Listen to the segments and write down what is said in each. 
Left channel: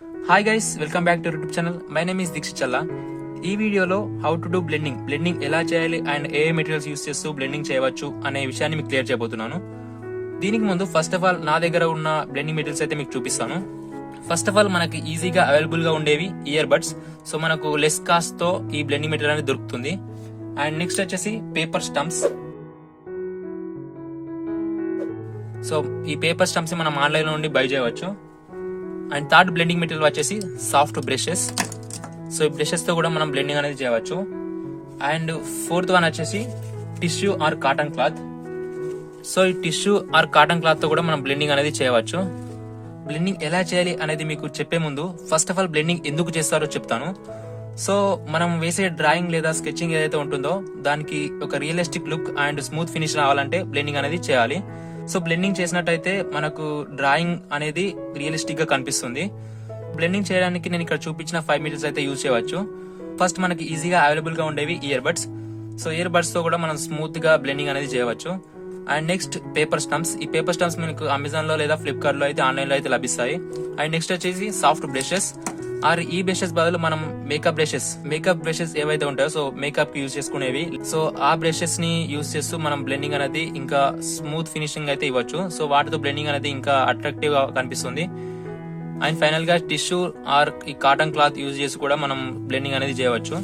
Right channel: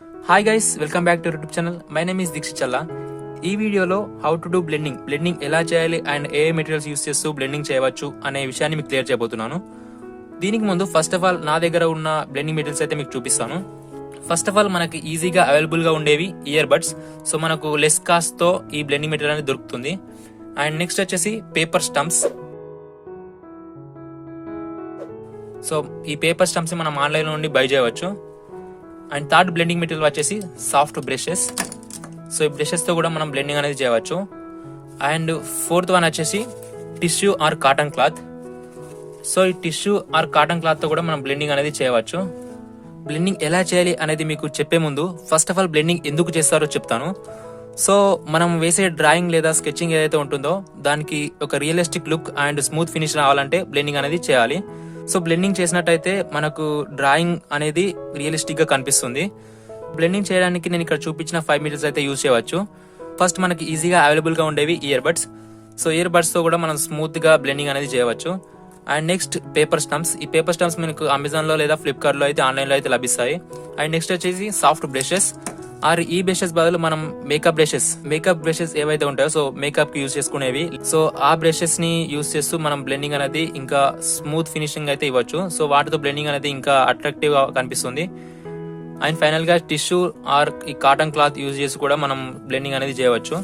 Hi guys, welcome back to YouTube channel. My name is Dikshit Challa. ఈ వీడియోలో how to do blending ఎలా చేయాలి and ఏ మెటీరియల్స్ యూస్ చేస్తూ బ్లెండింగ్ చేయవచ్చు అనే విషయాన్ని మీకు క్లియర్ చేయబోతున్నాను. దీనికి ముందు ఫస్ట్ ఆఫ్ ఆల్ నా దగ్గర ఉన్న బ్లెండింగ్ మెటీరియల్స్ అయితే మీకు చూపిస్తాను. ఫస్ట్ ఆఫ్ ఆల్ మనకి ఈజీగా అవైలబుల్ గా ఉండేవి ఇయర్ బడ్స్. సో మనకు లెస్ కాస్ట్ తో ఈ బ్లెండింగ్ మెటీరియల్ అనేది దొరుకుతుంది. అండ్ నెక్స్ట్ వచ్చేసి పేపర్ స్టంప్స్. సో ఈ పేపర్ స్టంప్స్ మనం ఆన్లైన్ లో నుండి బై చేయవచ్చు. అండ్ థర్డ్ బ్లెండింగ్ మెటీరియల్ వచ్చేసి సాఫ్ట్ బ్రషెస్. సో ఈ బ్రషెస్ తో కూడా మనం బ్లెండింగ్ అనేది చేయవచ్చు. అండ్ ఫోర్త్ వన్ వచ్చేసి tissue or cotton cloth. So ఈ టిష్యూ ఆర్ కాటన్ క్లాత్ తో కూడా మనం బ్లెండింగ్ అనేది చేయవచ్చు. బ్లెండింగ్ ఎలా చేయాలి అనేది మీకు చెప్పే ముందు ఫస్ట్ ఆఫ్ ఆల్ బ్లెండింగ్ ఎందుకు చేస్తారో చెప్తాను. సో మనం వేసే డ్రాయింగ్ లేదా స్కెచింగ్ ఏదైతే ఉంటుందో దానికి ఒక realistic look and smooth finish రావాలంటే బ్లెండింగ్ అనేది చేయాలి. సో బ్లెండింగ్ చేసినట్టయితే మనకు డ్రాయింగ్ అనేది రియలిస్టిక్ గా కనిపిస్తుంది. బ్లెండింగ్ చేయడానికి నేను ఇక్కడ చూపించిన 5 మీటర్స్ అయితే యూజ్ చేయవచ్చు. ఫస్ట్ మనకి ఈజీగా అవైలబుల్ గా ఉండేవి ear buds. So ear buds తో కూడా మనం స్మూత్ గా బ్లెండింగ్ అనేది చేయవచ్చు. And next paper stumps. ఈ పేపర్ స్టంప్స్ మనకు అమెజాన్ లో లేదా ఫ్లిప్కార్ట్ లో అయితే ఆన్లైన్ లో అయితే లభిస్తాయి. అండ్ నెక్స్ట్ వచ్చేసి సాఫ్ట్ బ్రషెస్ ఆర్ ఈ బ్రషెస్ బదులు మనం మేకప్ బ్రషెస్ ఏవైతే ఉంటాయో సో మేకప్ కి యూజ్ చేసుకునేవి. సో ఆ బ్రషెస్ ని యూజ్ చేస్తూ మనం బ్లెండింగ్ అనేది ఇంకా స్మూత్ ఫినిషింగ్ అయితే ఇవ్వచ్చు. సో వాటితో బ్లెండింగ్ అనేది ఇంకా అట్రాక్టివ్ గా కనిపిస్తుంది. అండ్ ఫైనల్ గా టిష్యూ ఆర్ ఈ కాటన్ క్లాత్ యూజ్ చేసి కూడా మనం బ్లెండింగ్ అనేది చేయవచ్చు.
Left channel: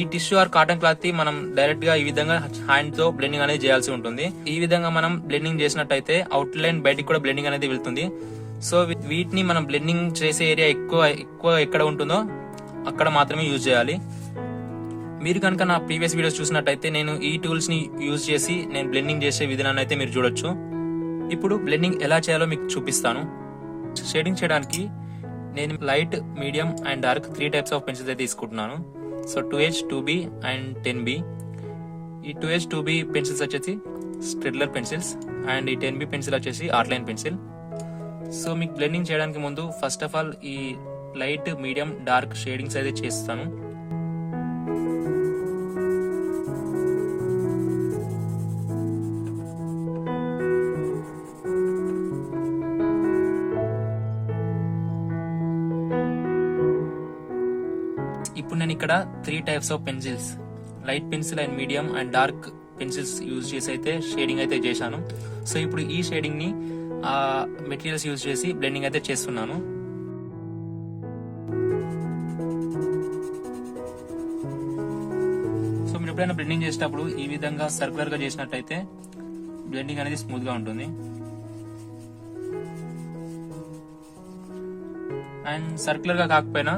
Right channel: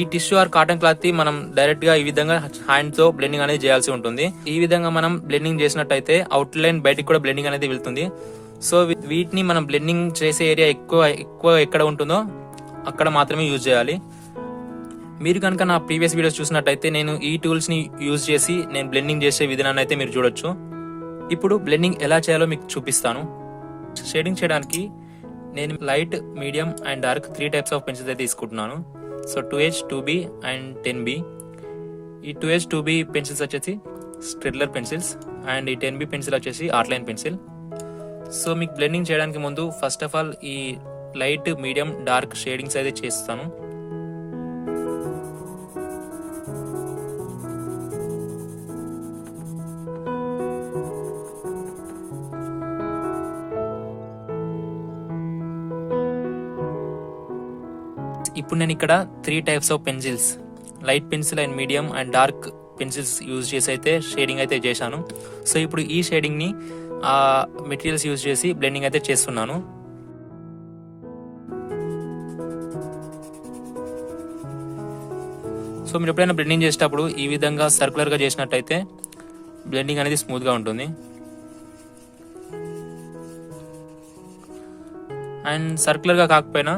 ఈ టిష్యూ ఆర్ కాటన్ క్లాత్ ని మనం డైరెక్ట్ గా ఈ విధంగా హ్యాండ్ తో బ్లెండింగ్ అనేది చేయాల్సి ఉంటుంది. ఈ విధంగా మనం బ్లెండింగ్ చేసినట్టయితే అవుట్ లైన్ బయటికి కూడా బ్లెండింగ్ అనేది వెళ్తుంది. సో వీటిని మనం బ్లెండింగ్ చేసే ఏరియా ఎక్కువ ఎక్కడ ఉంటుందో అక్కడ మాత్రమే యూజ్ చేయాలి. మీరు కనుక నా ప్రీవియస్ వీడియోస్ చూసినట్టయితే నేను ఈ టూల్స్ ని యూజ్ చేసి నేను బ్లెండింగ్ చేసే విధానాన్ని అయితే మీరు చూడొచ్చు. ఇప్పుడు బ్లెండింగ్ ఎలా చేయాలో మీకు చూపిస్తాను. షేడింగ్ చేయడానికి నేను light, medium and dark 3 types of pencils అయితే తీసుకుంటున్నాను. So 2H, 2B and 10B. ఈ 2H, 2B పెన్సిల్స్ వచ్చేసి స్ట్రెడ్లర్ పెన్సిల్స్ అండ్ ఈ 10B పెన్సిల్ వచ్చేసి ఆర్ట్లైన్ పెన్సిల్. సో మీకు బ్లెండింగ్ చేయడానికి ముందు ఫస్ట్ ఆఫ్ ఆల్ ఈ లైట్, మీడియం, డార్క్ షేడింగ్స్ అయితే చేస్తాను. ఇప్పుడు నేను ఇక్కడ 3 types of pencils, light pencil and medium and dark pencils use చేసి అయితే షేడింగ్ అయితే చేశాను. సో ఇప్పుడు ఈ షేడింగ్ ని మెటీరియల్స్ యూజ్ చేసి బ్లెండింగ్ అయితే చేస్తున్నాను. సో మీరు ఎప్పుడైనా బ్లెండింగ్ చేసేటప్పుడు ఈ విధంగా సర్కులర్ గా చేసినట్టయితే బ్లెండింగ్ అనేది స్మూత్ గా ఉంటుంది. అండ్ సర్కులర్ గా కాకపోయినా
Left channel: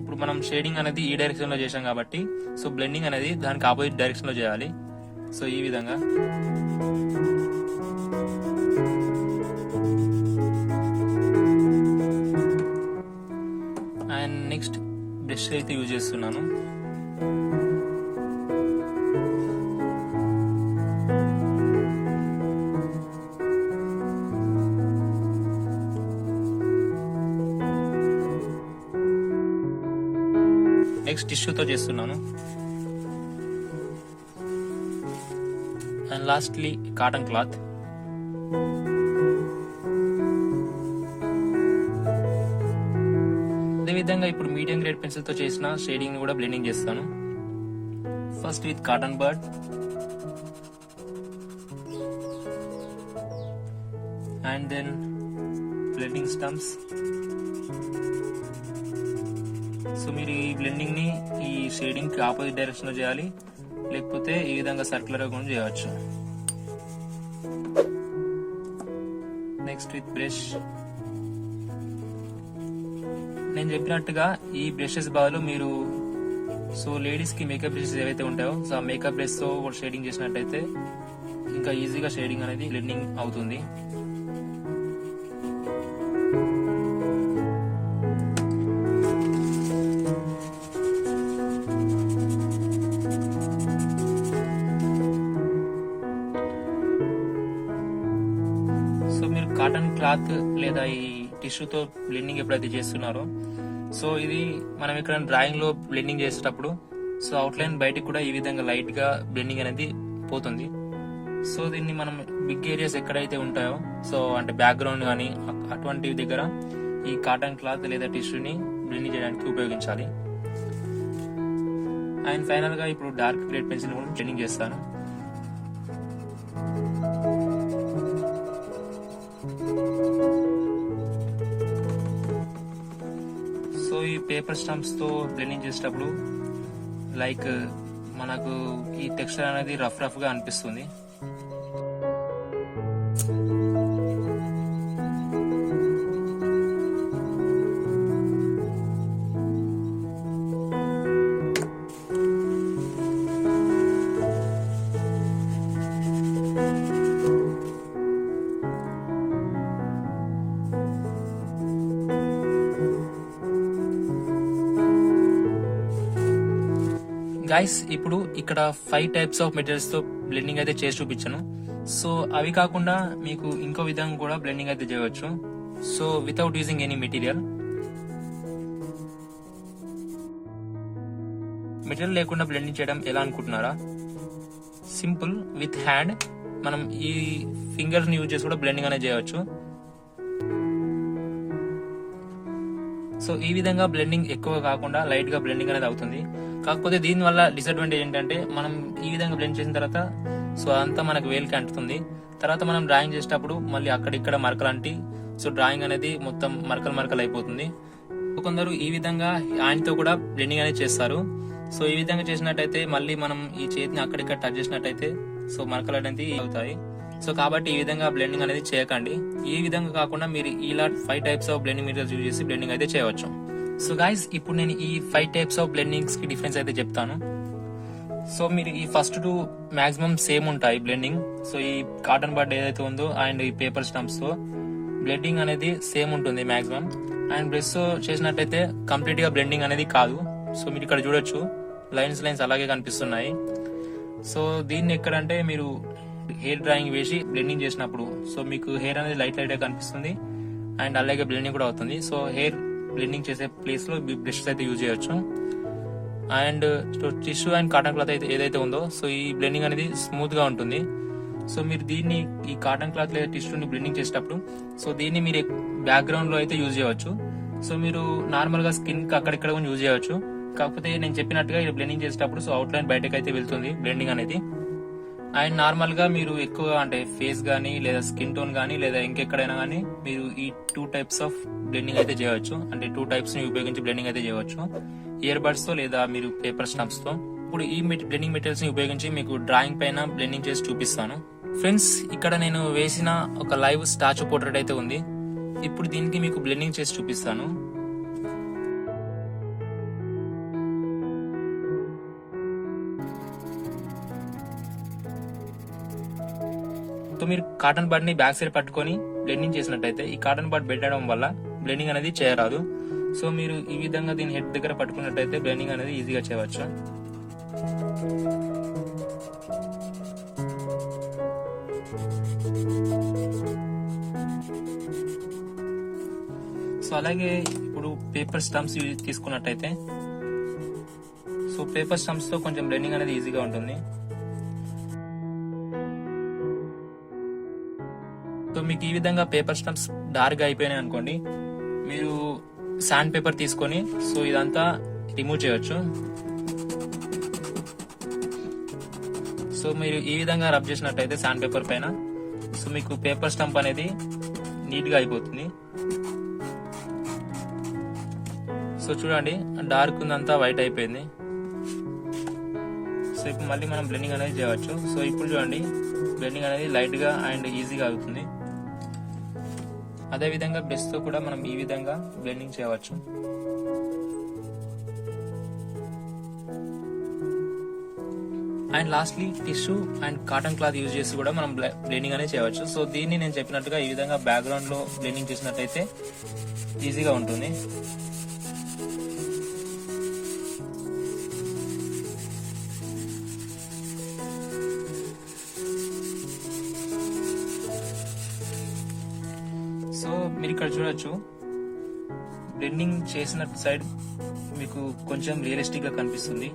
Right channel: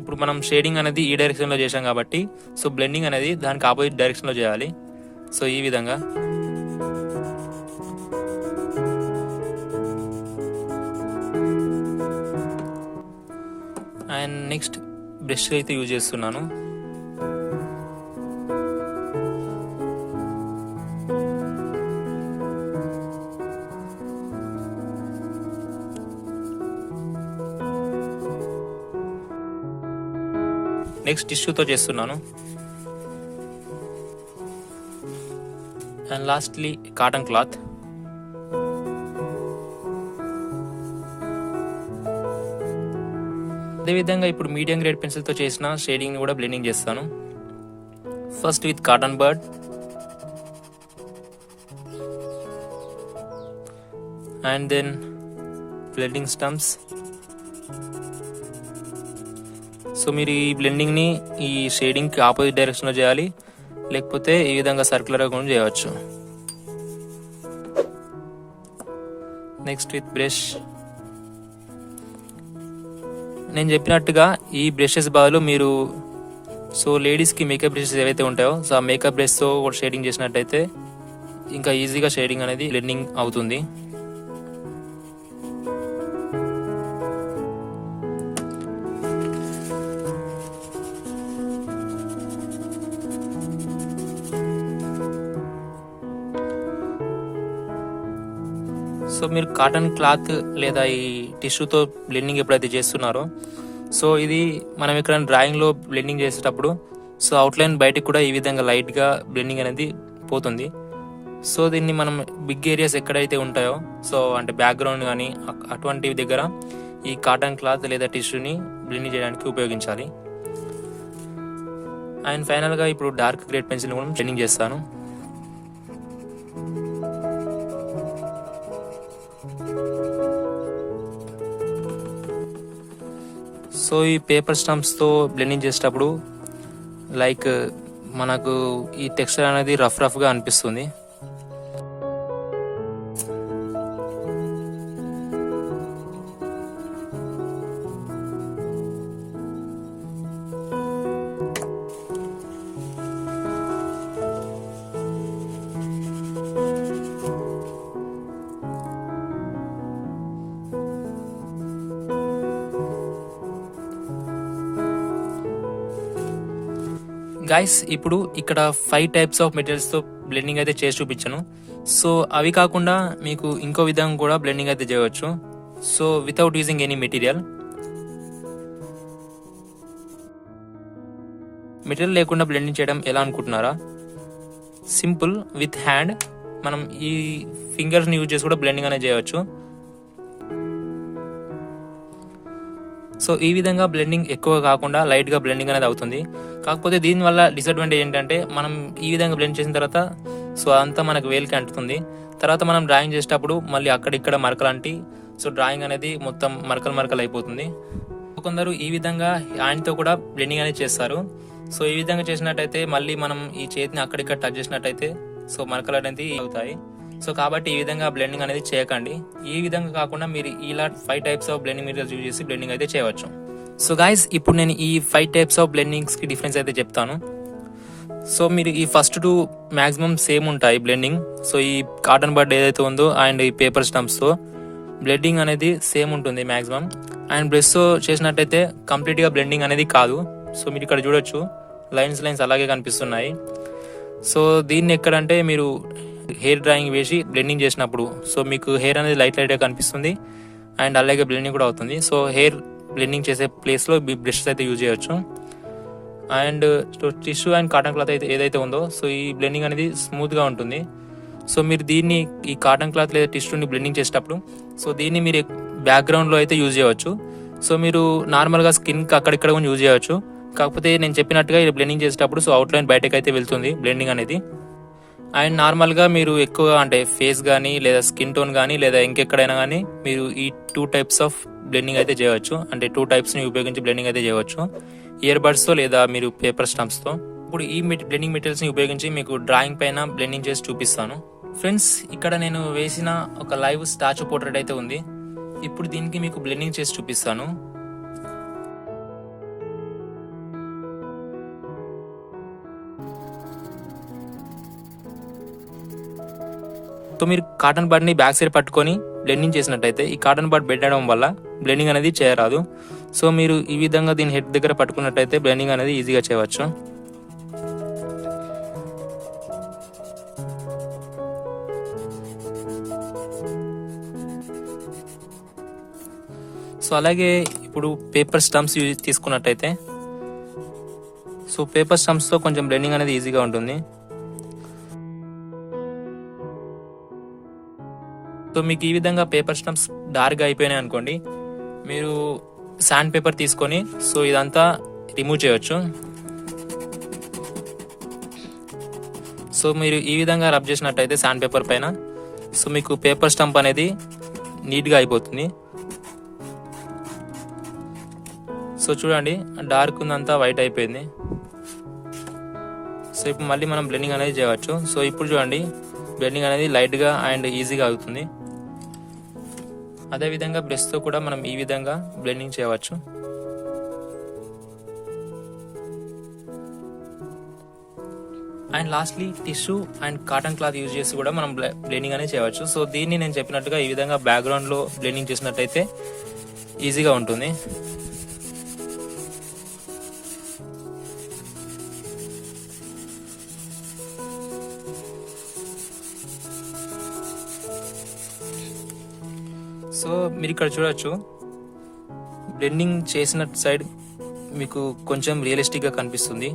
ఇప్పుడు మనం షేడింగ్ అనేది ఈ డైరెక్షన్ లో చేసాం కాబట్టి సో బ్లెండింగ్ అనేది దానికి ఆపోజిట్ డైరెక్షన్ లో చేయాలి. సో ఈ విధంగా అండ్ నెక్స్ట్ బ్రష్ అయితే యూజ్ చేస్తున్నాను. నెక్స్ట్ టిష్యూతో చేస్తున్నాను. And lastly cotton cloth. అదేవిధంగా ఇప్పుడు మీడియం గ్రేడ్ పెన్సిల్ తో చేసిన షేడింగ్ కూడా బ్లెండింగ్ చేస్తాను. First with cotton bud and then blending stumps. So మీరు ఈ బ్లెండింగ్ ని ఈ షేడింగ్ కి ఆపోజిట్ డైరెక్షన్ లో చేయాలి, లేకపోతే ఈ విధంగా సర్కులర్ గా కూడా చేయవచ్చు. Next with brush. నేను చెప్పినట్టుగా ఈ బ్రషెస్ బదులు మీరు సో లేడీస్ కి మేకప్ బ్రషెస్ ఏవైతే ఉంటాయో సో ఆ మేకప్ బ్రష్ తో షేడింగ్ చేసినట్టయితే ఇంకా ఈజీగా షేడింగ్ అనేది బ్లెండింగ్ అవుతుంది. సో మీరు కాటన్ క్లాత్ లేదా ఈ టిష్యూతో బ్లెండింగ్ ఎప్పుడైతే చేస్తున్నారో సో ఇది మనం ఇక్కడ డ్రాయింగ్ లో బ్లెండింగ్ చేసేటప్పుడు సో అవుట్లైన్ బయటకు కూడా ఈ విధంగా లైట్ గా బ్లెండింగ్ అనేది పోతుంది. సో దీన్ని మనం బిగ్ ఏరియాస్ ఎక్కడైతే ఉంటాయో సో అంటే బ్యాక్గ్రౌండ్ కానీ అటువంటి దగ్గర ఈ కాటన్ క్లాత్ లేదా టిష్యూని బ్లెండింగ్ చేయడానికి ఉపయోగించాలి. అండ్ ఫైనల్గా ఇప్పుడు డార్క్ గ్రేడ్ పెన్సిల్ కూడా బ్లెండింగ్ చేస్తాను. సో ఈ పేపర్ స్టంప్స్తో బ్లెండింగ్ చేసేటప్పుడు లైక్ మనకు ఈ టెక్స్చర్ అనేది రఫ్గా అనిపిస్తుంది. గైస్ ఇప్పుడు ఇక్కడ 5 టైప్స్ ఆఫ్ మెటీరియల్స్ తో బ్లెండింగ్ అయితే చేసి చూపించాను. సో అవి కాకుండా మీకు ఇంకో విధంగా కూడా బ్లెండింగ్ అయితే చేయవచ్చు. So without using any material లేకుండా బ్లెండింగ్ చేయడం ఎలా అనుకుంటున్నారా? సింపుల్, విత్ హ్యాండ్ మనం ఈ ఫింగర్స్ ని యూజ్ చేసి కూడా బ్లెండింగ్ అనేది చేయవచ్చు. సో ఈ విధంగా బ్లెండింగ్ ఎక్కువ కాకుండా లైట్ గా బ్లెండింగ్ అనేది అవుతుంది. కాకపోతే దీనివల్ల డిసడ్వాంటేజ్ ఏంటంటే మనం ఈ విధంగా బ్లెండ్ చేసిన తర్వాత సో అదంతా మనకు వేలికి అంటుతుంది. తర్వాత మనం డ్రాయింగ్ చేసేటప్పుడు మళ్ళీ అక్కడిక్కడ మరకలు అంటి సో డ్రాయింగ్ అనేది మొత్తం మరకలు అయిపోతుంది. కొందరు ఈ విధంగా హ్యాండ్ తో కూడా బ్లెండింగ్ అనేది చేస్తారు. సో ఈ విధంగా చేసినట్టయితే మళ్ళీ మనం ఈ చేతిని అక్కడిక్కడ టచ్ చేసినట్టయితే సో మరకలు అనేది అవుతాయి. సో కాబట్టి ఈ విధంగా బ్లెండింగ్ అనేది చేయకండి. ఈ విధంగా కాకుండా మీరు ఇలా 5 types of blending materials use చేసి బ్లెండింగ్ అయితే చేయవచ్చు. సో గైస్ ఇప్పుడు నేను ఈ 5 టైప్స్ ఆఫ్ బ్లెండింగ్స్ కి డిఫరెన్స్ అయితే చెప్తాను. సో మీరు ఈ ఫస్ట్ 2 మాక్సిమం సేమ్ ఉంటాయి బ్లెండింగ్. సో ఈ కాటన్ బడ్ ఏదైతే ఉందో అండ్ ఈ పేపర్ స్టంప్స్ తో బ్లెండింగ్ అనేది సేమ్ ఉంటుంది మాక్సిమం. అండ్ బ్రష్ తో చేసినట్టయితే కంప్లీట్ గా బ్లెండింగ్ అనేది కాదు. సో మీరు ఇక్కడ చూడొచ్చు లైన్స్ అలాగే కనిపిస్తున్నాయి. సో దీన్ని ఎక్కడంటే మీరు హెయిర్ డ్రాయింగ్ వేసి బ్లెండింగ్ చేసినప్పుడు సో మీకు హెయిర్ అనేది లైట్ గా కనిపిస్తుంది అండ్ అలాగే బ్లెండింగ్ కూడా అవుతుంది. సో హెయిర్ బ్లెండింగ్ చేసే ప్లేస్ లో బ్రష్ అయితే యూజ్ చేయొచ్చు. And tissue and cotton cloth అయితే ఏదైతే ఉందో సో ఈ బ్లెండింగ్ అనేది స్మూత్ గా ఉంటుంది. సో మీరు దీన్ని ఈ కాటన్ క్లాత్ లేదా టిష్యూని బ్లెండింగ్ చేసేటప్పుడు సో దీన్ని మీరు బ్యాక్గ్రౌండ్ లో అయితే యూజ్ చేయవచ్చు. సో మీరు నార్మల్ గా స్కిన్ కి అక్కడిక్కడ కూడా యూజ్ చేయవచ్చు. కాకపోతే నేను చెప్పినట్టుగా ఇది బ్లెండింగ్ చేసేటప్పుడు సో అవుట్ లైన్ బయటకు అయితే వెళ్తుంది బ్లెండింగ్ అనేది. అండ్ నార్మల్ గా మీరు ఎక్కువ అంటే ఫేస్ కానీ లేదా స్కిన్ టోన్ కానీ లేదా ఇంకెక్కడైనా కానీ మీరు ఈ 2 టైప్స్ ఆఫ్ బ్లెండింగ్ అయితే చేయవచ్చు. అంటే 2 టైప్స్ ని ఉపయోగించి బ్లెండింగ్ అయితే చేయవచ్చు, ఇయర్ బడ్స్ తో లేదా మీరు పేపర్ స్టంప్స్ తో. ఇప్పుడు ఈ బ్లెండింగ్ మెటీరియల్స్ ని ఉపయోగించి మీకు డ్రాయింగ్ పైన బ్లెండింగ్ చేసి చూపిస్తాను. ఫ్రెండ్స్ ఇక్కడ నేను వేసిన ఒక లైవ్ స్టాచ్యూ పోర్ట్రేట్ అయితే ఉంది. ఇప్పుడు దీనికి మీకు బ్లెండింగ్ చేసి చూపిస్తాను. సో మీరు కాటన్ బడ్ ని బ్యాక్ సైడ్ పట్టుకొని బ్లెండింగ్ చేసినట్టయితే ఈ కాటన్ బడ్ పెట్టడం వల్ల బ్లెండింగ్ అనేది చేయరాదు. సో మీరు ఈ విధంగా దీని హెడ్ దగ్గర పట్టుకున్నట్టయితే బ్లెండింగ్ అనేది ఈజీగా చేయవచ్చు. సో అలాగే ఇప్పుడు పేపర్ స్టంప్స్ తీసుకున్నట్టయితే సో పేపర్ స్టంప్స్ తో కొంచెం బ్లెండింగ్ అనేది ఈజీగా ఉంటుంది. సో మీకు ఈ విధంగా పేపర్ స్టంప్స్ డార్క్ అయిపోయినాయి అనుకోండి, మీరు శాండ్ పేపర్ తీసుకొని సో ఇదంతా రిమూవ్ చేయొచ్చు. సో మీరు ఈ విధంగా రబ్ చేసినట్టయితే శాండ్ పేపర్ పైన సో మీకు పేపర్ స్టంప్ అనేది నీట్ గా అయిపోతుంది. సో చూడండి డార్క్ ఉందంతా వైట్ అయిపోయింది. సో ఇప్పుడు మళ్ళీ మనం బ్లెండింగ్ అనేది చేయవచ్చు. సో ఇప్పుడు చూడండి బ్లెండింగ్ అనేది లైట్ గా అండ్ ఈజీగా అవుతుంది. అదే విధంగా బ్రష్ తో కూడా మనం ఈ విధంగా బ్లెండింగ్ చేయవచ్చు. And lastly tissue and cotton cloth use చేసి కూడా మనం బ్లెండింగ్ అనేది చేయవచ్చు. సో దీన్ని నేను చెప్పినట్టుగా ఈ విధంగా బ్యాక్గ్రౌండ్ లో బ్లెండింగ్ చేసినట్టయితే ఈజీగా ఉంటుంది. సో మీరు ఇక్కడ చూడొచ్చు బ్లెండింగ్ చేసిన సైడ్ మీకు కొంచెం రియలిస్టిక్ గా కనిపిస్తుంది